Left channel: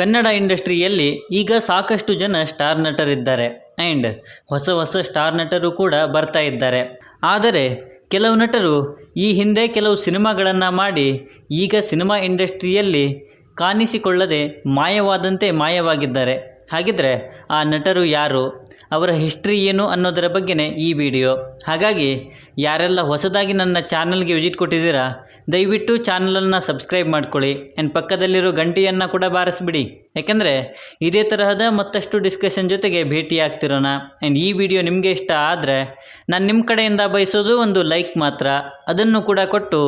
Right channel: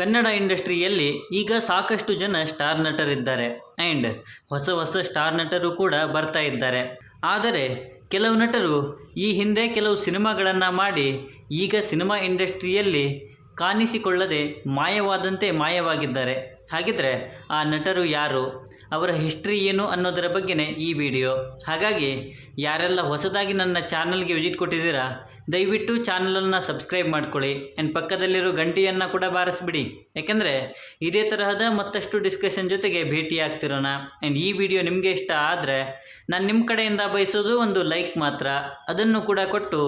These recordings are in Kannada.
ಕನ್ನಡ ಇಂಡಸ್ಟ್ರಿಯಲ್ಲಿ ಈಗ ಸಾಕಷ್ಟು ಜನ ಸ್ಟಾರ್ ನಟರಿದ್ದಾರೆ ಆ್ಯಂಡ್ ಹೊಸ ಹೊಸ ಸ್ಟಾರ್ ನಟರು ಕೂಡ ಬರ್ತಾ ಇದ್ದಾರೆ. ಆದರೆ ಕೆಲವು ನಟರು ಈ ಹಿಂದೆ ಕೆಲವು ಸಿನಿಮಾಗಳನ್ನು ಮಾಡಿ ಈಗ ಸಿನಿಮಾ ಇಂಡಸ್ಟ್ರಿಯಲ್ಲಿ ಕಾಣಿಸಿಕೊಳ್ಳದೆ ಮಾಯವಾದಂತೆ ಮಾಯವಾಗಿದ್ದಾರೆ. ಹಾಗಿದ್ರೆ ಆ ನಟರು ಯಾರು, ಅವರ ಹಿಸ್ಟ್ರಿ ಏನು ಅನ್ನೋದರ ಬಗ್ಗೆನೇ ಈ ವಿಡಿಯೋ. ಹಾಗಾಗಿ ಯಾರೆಲ್ಲ ಹೊಸದಾಗಿ ನನ್ನ ಚಾನಲ್ಗೆ ವಿಸಿಟ್ ಕೊಟ್ಟಿದ್ದೀರಾ, ದಯವಿಟ್ಟು ಚಾನಲನ್ನು ಸಬ್ಸ್ಕ್ರೈಬ್ ಮಾಡ್ಕೊಳ್ಳಿ ಆ್ಯಂಡ್ ಪಕ್ಕದಲ್ಲಿರೋ ಗಂಟೆಯನ್ನು ಕೂಡ ಬಾರಿಸ್ಬಿಡಿ. ಯಾಕೆಂದರೆ ಇದೇ ತರಹದ ಮತ್ತಷ್ಟು ಡಿಸ್ಕಷನ್ ಜೊತೆಗೆ ಭೇಟಿ ಆಗ್ತಿರೋಣ. ಆ್ಯಂಡ್ ಈ ವಿಡಿಯೋ ನಿಮಗೆ ಇಷ್ಟ ಆದರೆ ನಾನು ನಿಮ್ಮ ಕಡೆಯಿಂದ ಬಯಸೋದು ಒಂದು ಲೈಕ್ ಮಾತ್ರ, ಅದನ್ನು ಕೂಡ ಕೊಟ್ಟು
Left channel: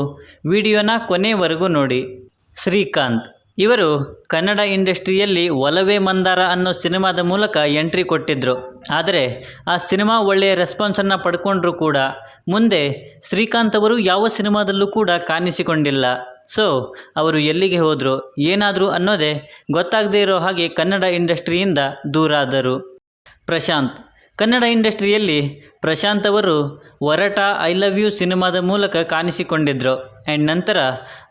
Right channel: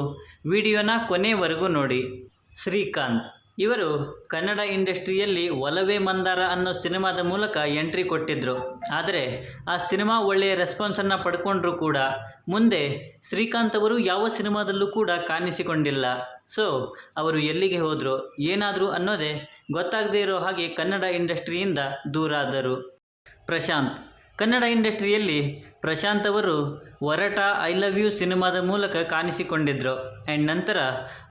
ವಿಡಿಯೋನ ಕೊನೆವರೆಗೂ ನೋಡಿ. ಶ್ರೀಕಾಂತ್ ಇವರು ಕನ್ನಡ ಇಂಡಸ್ಟ್ರಿಯಲ್ಲಿ ಒಲವೇ ಮಂದಾರ ಅನ್ನೋ ಸಿನಿಮಾದ ಮೂಲಕ ಎಂಟ್ರಿ ಕೊಟ್ಟಿದ್ದರು. ಆದರೆ ಆ ಸಿನಿಮಾ ಒಳ್ಳೆಯ ರೆಸ್ಪಾನ್ಸನ್ನು ಪಡ್ಕೊಂಡ್ರೂ ಕೂಡ ಮುಂದೆ ಶ್ರೀಕಾಂತ್ ಅವರು ಯಾವ ಸಿನಿಮಾದಲ್ಲೂ ಕೂಡ ಕಾಣಿಸಿಕೊಂಡಿಲ್ಲ. ಸೊ ಅವರು ಎಲ್ಲಿಗೆ ಹೋದರು, ಏನಾದರೂ ಅನ್ನೋದೇ ಗೊತ್ತಾಗದೇ ಇರೋ ಹಾಗೆ ಕನ್ನಡ ಇಂಡಸ್ಟ್ರಿಯಿಂದ ದೂರ ಆದರು. ಪ್ರಶಾಂತ್ ಕನ್ನಡ ಇಂಡಸ್ಟ್ರಿಯಲ್ಲಿ ಪ್ರಶಾಂತ್ ಅವರು ಒರಟ ಐ ಲವ್ ಯು ಸಿನಿಮಾದ ಮೂಲಕ ಕಾಣಿಸಿಕೊಂಡಿದ್ದರು. ಆ್ಯಂಡ್ ನಂತರ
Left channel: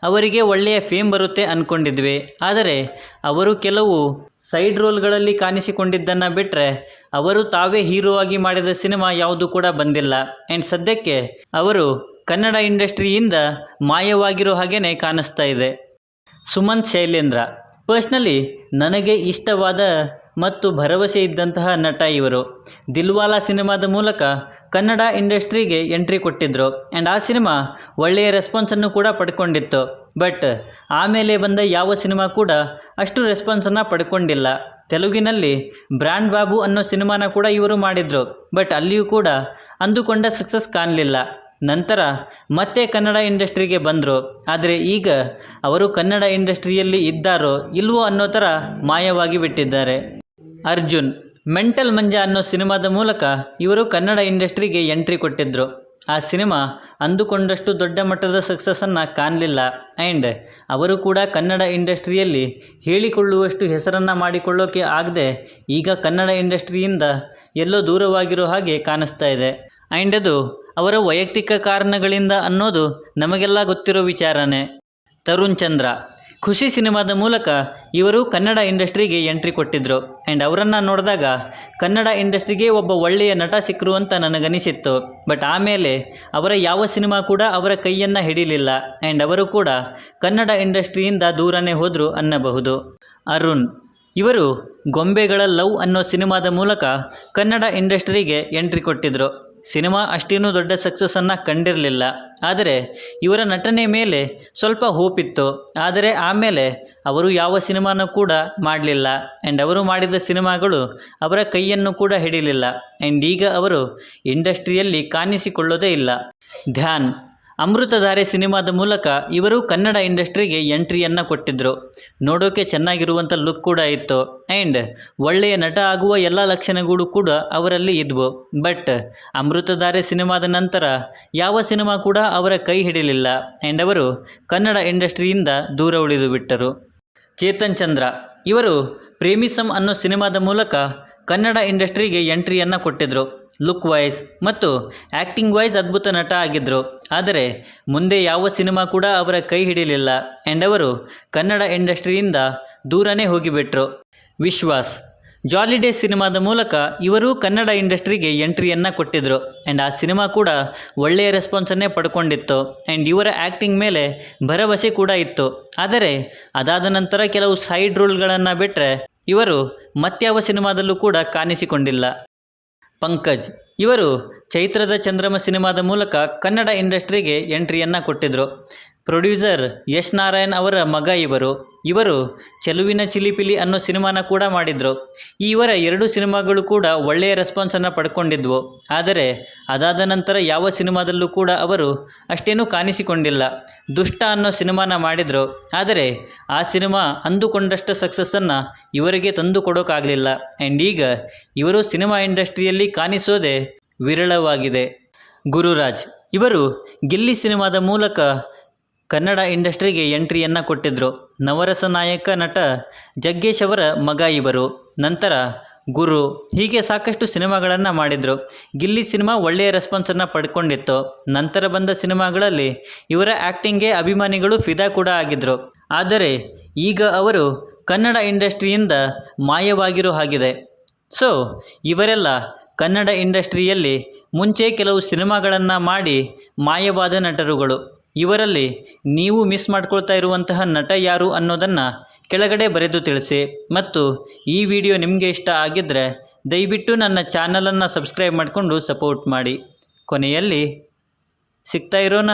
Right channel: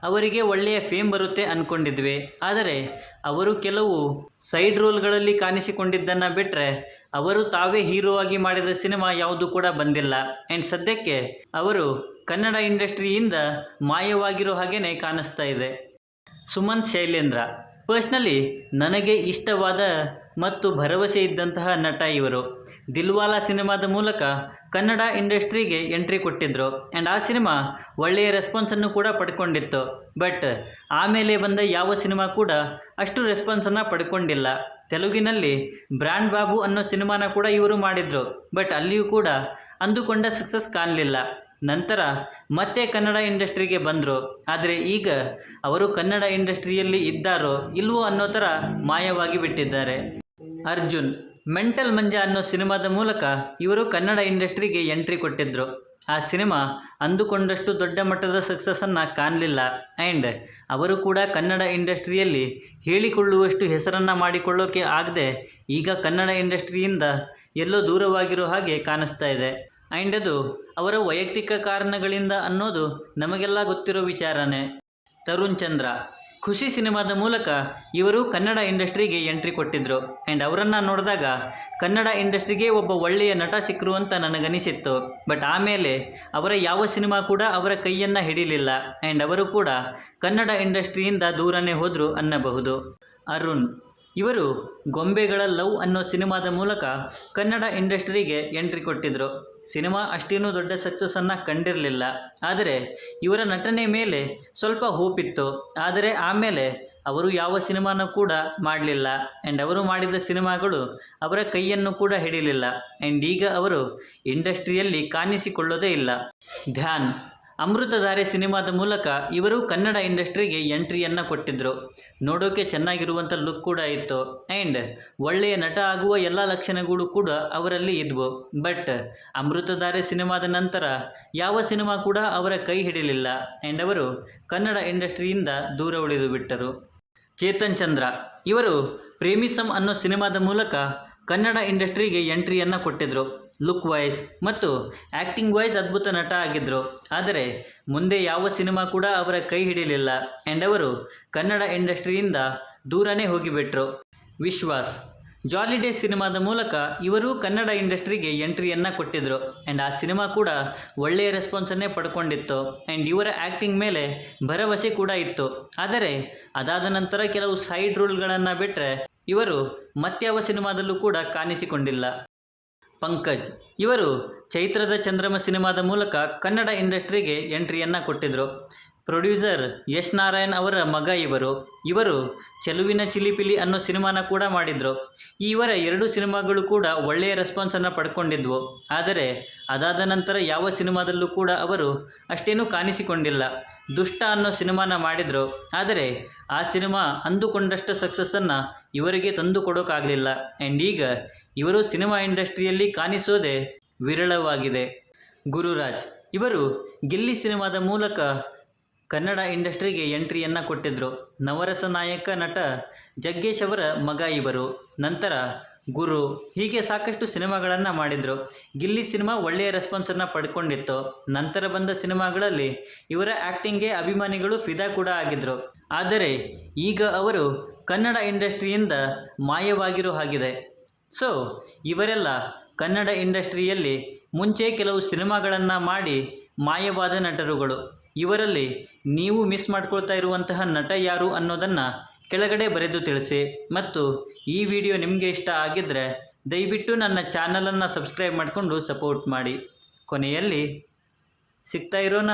ಅವರಿಗೆ ಒಳ್ಳೆಯ ಫೇಮ್ ಬರುತ್ತೆ ಅಂದ್ಕೊಂಡಿದ್ವಿ. ಆದರೆ ಅವರು ಕೆಲವು ಸೈಡ್ ರೋಲ್ಗಳಲ್ಲಿ ಕಾಣಿಸಿಕೊಂಡಿದ್ದನ್ನು ಬಿಟ್ಟರೆ ಅವರು ತಾವೇ ಹೀರೋ ಆಗಿ ಮಾಡಿದ ಸಿನಿಮಾ ಯಾವುದೂ ಕೂಡ ಬಂದಿಲ್ಲ. ಆ್ಯಂಡ್ ಸದ್ಯಕ್ಕೆ ಅವರು ಕನ್ನಡ ಇಂಡಸ್ಟ್ರಿಯಿಂದ ಮಾಯವಾಗಿರೋ ಹಾಗೇ ಕಾಣಿಸ್ತಾ ಇದೆ. ಸುಮಂತ್ ಶೈಲೇಂದ್ರ ಪರ್ಸ್ನಲಿ ನನಗೆ ಇಷ್ಟವಾದ ಮತ್ತು ಭರವಸೆ ಇದ್ದಂತಹ ನಟ ಇವರು. ದಿಲ್ವಾಲಾ ಸಿನಿಮಾದ ಮೂಲಕ ಕನ್ನಡ ಇಂಡಸ್ಟ್ರಿಗೆ ಎಂಟ್ರಿ ಕೊಟ್ಟಿದ್ದರು. ಆ್ಯಂಡ್ ಆ ಸಿನಿಮಾ ಒಳ್ಳೆಯ ರೆಸ್ಪಾನ್ಸನ್ನು ಕೂಡ ಪಡ್ಕೊಂಡಿತ್ತು. ಬಟ್ ಆಮೇಲೆ ಬಂದ ಯಾವ ಸಿನಿಮಾ ಕೂಡ ಅಷ್ಟು ರೆಸ್ಪಾನ್ಸನ್ನು ಪಡ್ಕೊಂಡಿಲ್ಲ. ತೆಲುಗಿನಲ್ಲಿ ಬ್ರ್ಯಾಂಡ್ ಬಾಬು ಅನ್ನೋ ಸಿನಿಮಾನ ಕೂಡ ಇವರು ಮಾಡಿದರು. ಬಟ್ ಅಲ್ಲಿಯೂ ಕೂಡ ಅಂದುಕೊಂಡ ಸಕ್ಸಸ್ ಕಾಣಲಿಲ್ಲ. ನಂತರ ಮತ್ತೆ ಕನ್ನಡ ಇಂಡಸ್ಟ್ರಿಗೆ ಬಂದರು. ಆದರೆ ಈಗ ಅವರು ಕನ್ನಡ ಇಂಡಸ್ಟ್ರಿಯಲ್ಲಿ ಇದ್ದಾರೋ ಇಲ್ವೋ ಅನ್ನೋ ಥರ ಮಾಯವಾಗಿ ಬಿಟ್ಟಿದ್ದಾರೆ. ಅರ್ಜುನ್ ಮೆಂಟಲ್ ಮಂಜ ಅನ್ನೋ ಸಿನಿಮಾದ ಮೂಲಕ ಇವರು ಕನ್ನಡ ಇಂಡಸ್ಟ್ರಿಗೆ ಎಂಟ್ರಿ ಕೊಟ್ಟಿದ್ದರು. ಆ ಸಿನಿಮಾ ಅಂದುಕೊಂಡಷ್ಟು ದೊಡ್ಡ ಮಟ್ಟದ ಸಕ್ಸಸ್ಸನ್ನು ಕಾಣಲಿಲ್ಲ. ಆ್ಯಂಡ್ ಅವರು ಕೂಡ ಕನ್ನಡ ಇಂಡಸ್ಟ್ರಿಯಲ್ಲಿ ಹೇಳಿಕೊಳ್ಳುವಷ್ಟು ಹೆಸರನ್ನು ಮಾಡಿಕೊಳ್ಳೋಕೆ ಆಗದೆ ಈಗ ಕನ್ನಡ ಇಂಡಸ್ಟ್ರಿಯಿಂದ ಎಲ್ಲೋ ದೂರವಾಗಿರೋ ಹಾಗೆ ಕಾಣಿಸ್ತಾ ಇದೆ. ಆ್ಯಂಡ್ ಅದು ಅವರ ವೈಯಕ್ತಿಕ ಕಾರಣಗಳಿಂದ ಅನ್ನೋದು ನಮಗೆಲ್ಲ ಗೊತ್ತಿರೋ ವಿಚಾರನೇ. ತರುಣ್ ಚಂದ್ರ ಖುಷಿ ಸಿನಿಮಾದ ಮೂಲಕ ಇವರು ಕನ್ನಡ ಇಂಡಸ್ಟ್ರಿಗೆ ಎಂಟ್ರಿ ಕೊಟ್ಟಿದ್ದರು. ಆ್ಯಂಡ್ ಅವರನ್ನು ನೋಡಿದಾಗ ಕನ್ನಡ ಇಂಡಸ್ಟ್ರಿಗೆ ಒಬ್ಬ ಒಳ್ಳೆಯ ನಟ ಸಿಕ್ಕರು ಅಂತ ನನಗನಿಸಿತ್ತು. ಬಟ್ ಆಮೇಲೆ ಅವರ ಯಾವ ಸಿನಿಮಾ ಕೂಡ ಅವರ ಕೈಯನ್ನು ಹಿಡಿಲಿಲ್ಲ. ಆ್ಯಂಡ್ ಅವರು ಕೂಡ ಕನ್ನಡ ಇಂಡಸ್ಟ್ರಿಯಿಂದ ದೂರನೇ ಹೋದರು ಅನ್ನಬಹುದು. ಅರುಣ್ ಇವರು ಗೊಂಬೆಗಳ ಲವ್ ಅನ್ನೋ ಸಿನಿಮಾದ ಮೂಲಕ ಕನ್ನಡ ಇಂಡಸ್ಟ್ರಿಗೆ ಎಂಟ್ರಿ ಕೊಟ್ಟಿದ್ದರು. ಸಿನಿಮಾ ಅಷ್ಟೇನೂ ದೊಡ್ಡ ಸಕ್ಸಸ್ಸನ್ನು ಕಂಡಿರಲಿಲ್ಲ. ಆದರೆ ಇವರ ನಟನೆ ಮೇಲೆ ಸ್ವಲ್ಪ ಹೋಪ್ ಇತ್ತು. ಆದರೆ ಆಮೇಲೆ ಅವರು ಯಾವ ಸಿನಿಮಾನೂ ಕೂಡ ಮಾಡಲಿಲ್ಲ. ಆ್ಯಂಡ್ ಅವರು ಮಾಡಿದ ಸಿನಿಮಾಗಳು ಅವರ ಕೈಯನ್ನು ಕೂಡ ಹಿಡಿಲಿಲ್ಲ. ಆ್ಯಂಡ್ ಈಗ ಅವರು ಇಂಡಸ್ಟ್ರಿಯಲ್ಲಿ ಕಾಣಿಸಿಕೊಳ್ಳೋದೇ ಇಲ್ಲ. ಧ್ಯಾನ್ ಅಮೃತಧಾರೆ ಸಿನಿಮಾದ ಮೂಲಕ ಇವರು ಕನ್ನಡ ಇಂಡಸ್ಟ್ರಿಗೆ ಎಂಟ್ರಿಯನ್ನು ಕೊಟ್ಟಿದ್ದರು. ನೋಡೋಕೆ ಚೆನ್ನಾಗಿರುವಂಥ ಲುಕ್ ಕೂಡ ಇತ್ತು. ಆ್ಯಂಡ್ ಒಳ್ಳೆಯ ನಟ ಆಗುವ ಎಲ್ಲ ಲಕ್ಷಣಗಳು ಕೂಡ ಅವರಲ್ಲಿ ಇದ್ವು. ಬಟ್ ಅಮೃತಧಾರೆ ಸಿನಿಮಾದ ನಂತರ ಯಾವ ಸಿನಿಮಾ ಕೂಡ ಅವರ ಕೈ ಹಿಡಿಲಿಲ್ಲ. ಆ್ಯಂಡ್ ಅವರು ಕನ್ನಡ ಇಂಡಸ್ಟ್ರಿಯಿಂದ ದೂರ ಉಳಿದು ಬಿಟ್ಟರು. ಚೇತನ್ ಚಂದ್ರ ಇವರು ಪ್ರೇಮಿಸಮ್ ಅನ್ನೋ ಸಿನಿಮಾದ ಮೂಲಕ ಕನ್ನಡ ಇಂಡಸ್ಟ್ರಿಗೆ ಎಂಟ್ರಿಯನ್ನು ಕೊಟ್ಟಿದ್ದರು. ಲುಕ್ ವೈಸ್ ಮತ್ತು ಆ್ಯಕ್ಟಿಂಗ್ ವೈಸ್ ಅದ್ಭುತ ನಟ ಆಗಿದ್ದರು. ಆದರೆ ಮುಂದೆ ಯಾವ ಸಿನಿಮಾ ಕೂಡ ಅವರ ಕೈ ಹಿಡಿಲಿಲ್ಲ. ಆ್ಯಂಡ್ ಅವರು ಕನ್ನಡ ಇಂಡಸ್ಟ್ರಿಯಿಂದ ದೂರನೇ ಹೋಗಿಬಿಟ್ರು. ವಿಶ್ವಾಸ್ ಜಾಲಿಡೇ ಸಿನಿಮಾದ ಮೂಲಕ ಇವರು ಕನ್ನಡ ಇಂಡಸ್ಟ್ರಿಗೆ ಎಂಟ್ರಿಯನ್ನು ಕೊಟ್ಟಿದ್ದರು. ಆ್ಯಂಡ್ ಆ ಸಿನಿಮಾ ಕೂಡ ಒಳ್ಳೆಯ ರೆಸ್ಪಾನ್ಸನ್ನೇ ಪಡ್ಕೊಂಡಿತ್ತು. ಆ್ಯಂಡ್ ಇವರ ಆ್ಯಕ್ಟಿಂಗ್ ಮೇಲೆ ಭರವಸೆ ಕೂಡ ಇತ್ತು. ಆದರೆ ಅದಾದ ನಂತರ ಕೆಲವು ಸೈಡ್ ರೋಲ್ಗಳನ್ನು ಬಿಟ್ಟರೆ ಇವರು ಮತ್ಯಾವ ಸಿನಿಮಾದಲ್ಲೂ ಕೂಡ ಕಾಣಿಸಿಕೊಂಡಿಲ್ಲ. ಪಂಕಜ್ ಇವರು ಚೈತ್ರದ ಚಂದ್ರಮ ಸಿನಿಮಾದ ಮೂಲಕ ಕನ್ನಡ ಇಂಡಸ್ಟ್ರಿಗೆ ಎಂಟ್ರಿಯನ್ನು ಕೊಟ್ಟಿದ್ದರು. ಪ್ರೊಡ್ಯೂಸರ್ ಯಶ್ ನಾರಾಯಣ್ ಅವರ ಮಗ ಇವರು ಚೆಲುವಿನ ಚಿಲಿಪಿಲಿ ಅನ್ನೋ ಸಿನಿಮಾನ ಕೂಡ ಮಾಡಿದರು. ಇವರ ಎರಡು ಸಿನಿಮಾಗಳು ಕೂಡ ಒಳ್ಳೆಯ ರೆಸ್ಪಾನ್ಸನ್ನು ಪಡ್ಕೊಂಡಿದ್ವು. ಆದರೆ ಅದಾದ ನಂತರ ಯಾವ ಸಿನಿಮಾದಲ್ಲೂ ಕೂಡ ಅವರು ಅಷ್ಟೇನೂ ಕಾಣಿಸಿಕೊಂಡಿಲ್ಲ. ದುಷ್ಟ ಅನ್ನೋ ಸಿನಿಮಾನ ಮಾಡಿದರು. ಆದರೆ ಆ ಸಿನಿಮಾ ಅಂದುಕೊಂಡಷ್ಟು ಸಕ್ಸಸ್ಸನ್ನು ಇವರಿಗೆ ತಂದು ಕೊಡೋಕ್ಕಾಗಲಿಲ್ಲ. ಆ್ಯಂಡ್ ಈಗ ಇವರು ಸಿನಿಮಾ ಇಂಡಸ್ಟ್ರಿಯಲ್ಲಿ ಕಾಣಿಸೋದೇ ವಿರಳವಾಗಿದೆ. ಗುರುರಾಜ್ ಇವರು ಗಿಲ್ಲಿ ಸಿನಿಮಾದ ಮೂಲಕ ಕನ್ನಡ ಇಂಡಸ್ಟ್ರಿಗೆ ಎಂಟ್ರಿಯನ್ನು ಕೊಟ್ಟಿದ್ದರು. ನವರಸ ನಾಯಕ ನಟ ಜಗ್ಗೇಶ್ ಅವರ ಮಗ ಇವರು. ನಂತರ ಗುರು ಹೀಗೆ ಸಾಕಷ್ಟು ಸಿನಿಮಾಗಳನ್ನು ಮಾಡಿದರು. ಗಿಲ್ಲಿ ಸಿನಿಮಾ ಒಳ್ಳೆಯ ರೆಸ್ಪಾನ್ಸನ್ನು ಪಡ್ಕೊಂಡಿತ್ತು. ನಂತರ ಬಂದ ಸಿನಿಮಾಗಳಲ್ಲಿ ಇವರ ಆ್ಯಕ್ಟಿಂಗ್ಗೆ ಅಭಿಮಾನಿಗಳು ಫಿದಾ ಕೂಡ ಆಗಿದ್ದರು. ಆದರೆ ಈಗ ಅವರು ಕನ್ನಡ ಇಂಡಸ್ಟ್ರಿಯಿಂದ ಮಾಯವಾಗಿರೋ ಹಾಗಿದೆ. ಸೊ ಇವರೆಲ್ಲ ಕನ್ನಡ ಇಂಡಸ್ಟ್ರಿಯಲ್ಲಿ ಮುಂಚೆ ಕೆಲವು ಸಿನಿಮಾಗಳನ್ನು ಮಾಡಿ ಮಾಯವಾದ ನಟರುಗಳು. ಇವರಲ್ಲಿ ನೀವು ಮಿಸ್ ಮಾಡ್ಕೊಳ್ತಾ ಇರುವಂತಹ ನಟ ಯಾರು ಅನ್ನೋದನ್ನು ಕೆಳಗಡೆ ಬರೆದು ತಿಳಿಸಿ. ಮತ್ತು ಈ ವಿಡಿಯೋ ನಿಮಗೆ ಇಷ್ಟ ಆಗಿದ್ದರೆ ದಯವಿಟ್ಟು ನನ್ನ ಚಾನಲನ್ನು ಸಬ್ಸ್ಕ್ರೈಬ್ ಮಾಡಿಕೊಂಡು ಸಪೋರ್ಟ್ ಮಾಡಿ. ಕೊನೆಯಲ್ಲಿ ಸಿಗ್ತಾ ಇರೋಣ.